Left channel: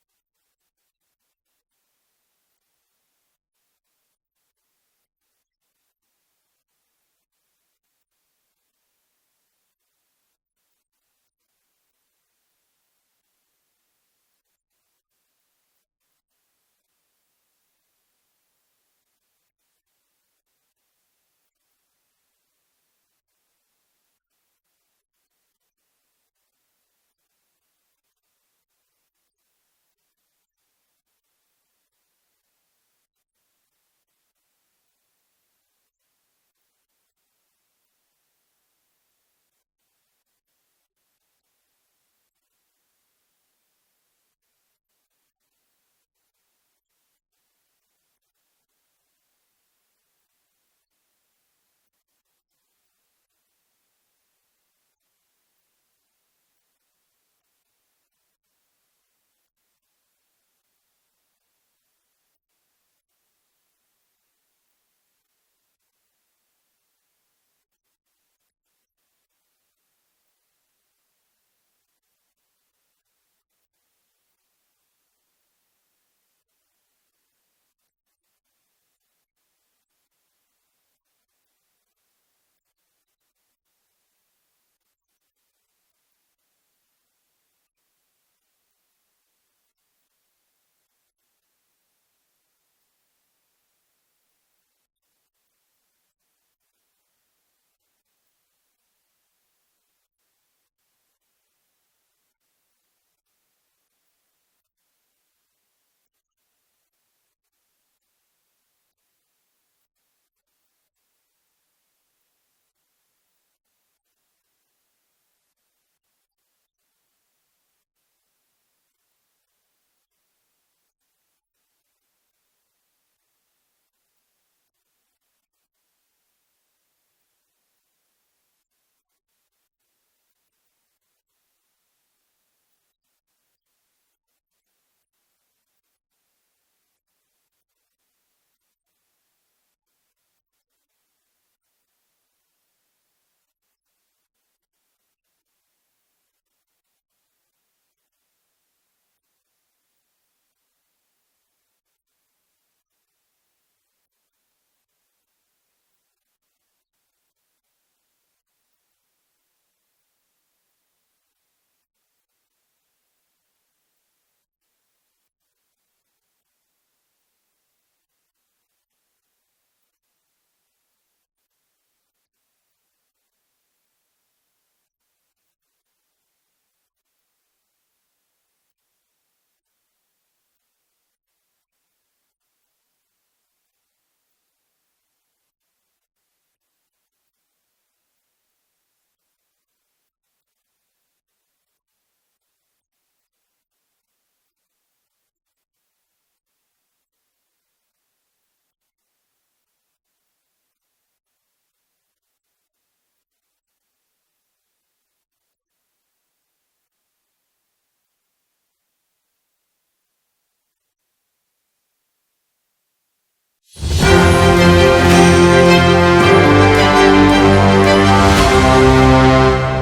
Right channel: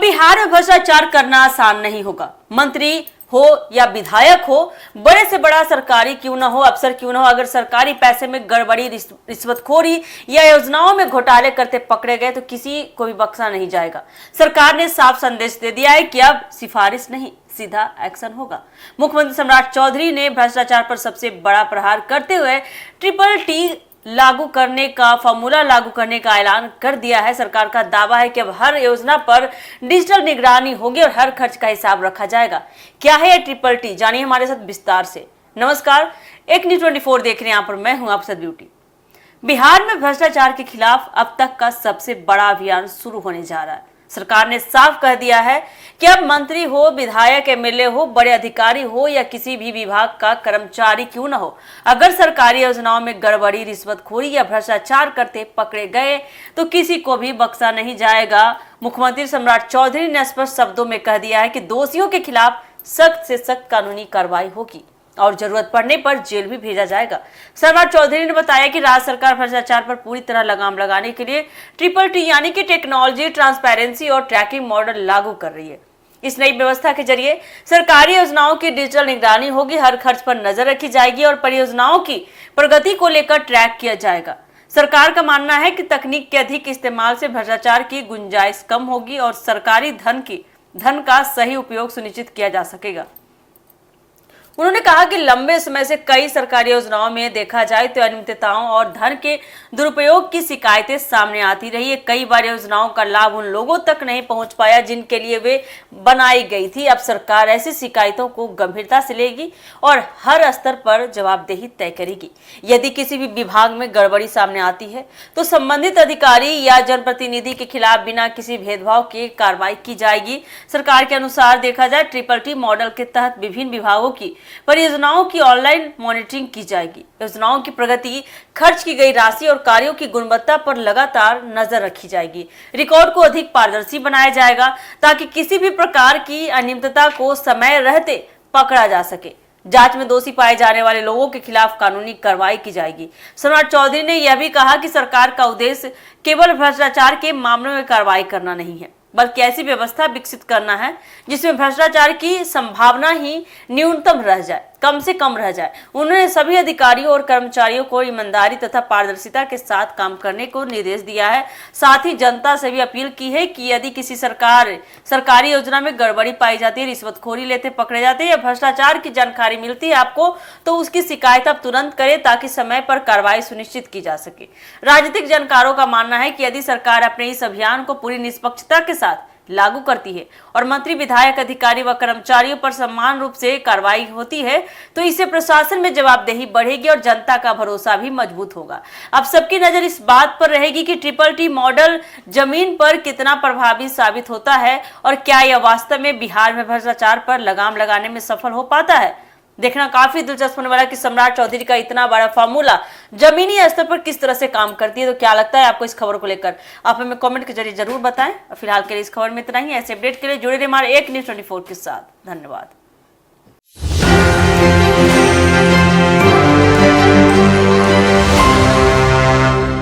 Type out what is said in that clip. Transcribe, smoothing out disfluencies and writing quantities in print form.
बिहार में भ्रष्टाचार करना आसान नहीं होगा। मंत्री हो या विधायक हो, बड़े से बड़ा सरकारी क्यों ना हो, अफसर क्यों ना हो, अगर सरकारी पैसे में गड़बड़ी, रिश्वतखोरी या योजनाओं में घोटाले करते पकड़े गए तो किसी को भी बख्शा नहीं जाएगा। सरकार ने साफ संदेश दे दिया है कि अब सिफारिश नहीं, सीधा एक्शन होगा। मुख्यमंत्री सम्राट चौधरी ने भ्रष्टाचार पर सबसे बड़ा प्रहार करते हुए ट्रिपल टी लागू करने का फॉर्मूला लागू करने का ऐलान कर दिया है। सरकार का दावा है कि अब हर योजना पर डिजिटल निगरानी होगी और हर खर्च का हिसाब रखा जाएगा। क्या है ये ट्रिपल टी, जानिए हमारे साथ विस्तार से। नमस्कार, एक न्यूज़ 24 देख रहे हैं, यहाँ पर मैं हूं आपसे ब्यूटी। बिहार में भ्रष्टाचार के खिलाफ अब तक का सबसे बड़ा अभियान शुरू होने जा रहा है। सरकार ने साफ कह दिया है कि अब मंत्री हो, विधायक, एमएलए हो, बड़े अधिकारी हो या किसी भी विभाग का कर्मचारी क्यों न हो, अगर सरकारी योजनाओं में गड़बड़ी, रिश्वतखोरी या भ्रष्टाचार करते पकड़े गए तो किसी को भी बख्शा नहीं जाएगा। मुख्यमंत्री सम्राट चौधरी ने स्पष्ट शब्दों में कह दिया है कि दोषियों के खिलाफ सख्त से सख्त कानूनी कार्रवाई होगी और जरूरत पड़ने पर जेल भी भेजा जाएगा। सम्राट चौधरी ने बताया कि राज्य सरकार भ्रष्टाचार पर पूरी तरह लगाम लगाने के लिए ट्रिपल टी यानी कि टेक्नोलॉजी, ट्रांसपेरेंसी और ट्रैकिंग मॉडल लागू कर रही है। इस नई व्यवस्था के जरिए सरकारी योजनाओं की डिजिटल निगरानी होगी, हर खर्च पर नजर रखी जाएगी और परियोजनाओं की प्रगति को लेकर ट्रैक किया जाएगा। सरकार का मानना है कि तकनीक के अधिक इस्तेमाल से भ्रष्टाचार की गुंजाइश कम होगी और सरकारी धन का सही उपयोग सुनिश्चित किया जा सकेगा। उन्होंने कहा कि लंबे समय से कई सरकारी योजनाओं में देखा जाए तो अनियमितताओं और धन के दुरुपयोग की शिकायतें सामने आती रही है। कई बार योजनाओं का लाभ उन लोगों तक नहीं पहुंच पाया जिनके लिए वे बनाई गई थी। अब सरकार ऐसी शिकायतों को गंभीरता से लेगी और हर स्तर पर जवाबदेही तय करेगी। यदि किसी भी विभाग में गड़बड़ी सामने आती है तो संबंधित अधिकारी या जनप्रतिनिधि के खिलाफ बिना किसी भेदभाव के कार्रवाई की जाएगी। सरकार के अनुसार देखा जाए ट्रिपल टी मॉडल के तहत विभिन्न विभागों की परियोजनाओं की ऑनलाइन मॉनिटरिंग की जाएगी। योजनाओं की प्रगति, खर्च की गई राशि और कार्यों की गुणवत्ता पर लगातार नजर रखी जाएगी। रिकॉर्ड को अधिक पारदर्शी बनाया जाएगा ताकि किसी भी प्रकार की अनियमितता को समय रहते पकड़ा जा सके। जांच में दोषी पाए जाने वाले लोगों के खिलाफ कानूनी कार्रवाई की जाएगी। सम्राट चौधरी ने यह भी कहा कि सरकार का उद्देश्य केवल भ्रष्टाचार के मामलों में कार्रवाई करना नहीं है, बल्कि ऐसी व्यवस्था विकसित करना है जिसमें भ्रष्टाचार की संभावना ही न्यूनतम रह जाए, कम से कम रह जाए। उन्होंने सभी अधिकारियों और कर्मचारियों को ईमानदारी तथा पारदर्शिता के साथ काम करने को निर्देश दिया है। साथ ही जनता से भी अपील की है कि यदि किसी सरकारी योजना में गड़बड़ी पाई जाती है, रिश्वतखोरी लेते पकड़े जाते हैं या भ्रष्टाचार की जानकारी मिलती है आपको, तो उसकी शिकायत आप तुरंत करें ताकि समय पर कार्रवाई सुनिश्चित की जा सके। राजनीतिक जानकारों का मानना है कि यदि सरकार अपने इस अभियान को पूरी निष्पक्षता के साथ लागू करती है और मंत्री, विधायक, अधिकारी व कर्मचारियों पर समान रूप से कार्रवाई होती है तो इससे प्रशासन में जवाबदेही बढ़ेगी और जनता का भरोसा भी मजबूत होगा। अब सबकी नजर इस बात पर रहेगी कि ट्रिपल टी मॉडल जमीन पर कितना प्रभावी साबित होता है और क्या यह वास्तव में बिहार में भ्रष्टाचार पर लगाम लगाने में सफल हो पाता है। देखना काफी दिलचस्प होने वाला कि सम्राट चौधरी का इतना बड़ा फॉर्मूला जमीनी स्तर पर किस तरह से काम करती है। तो क्या लगता है आपको इस खबर को लेकर, आप हमें कमेंट के जरिए जरूर बताएं। और फिलहाल के लिए इस खबर में इतना ही। ऐसे अपडेट के लिए जुड़े रहिए हमारे एक न्यूज़ 24 के साथ। धन्यवाद।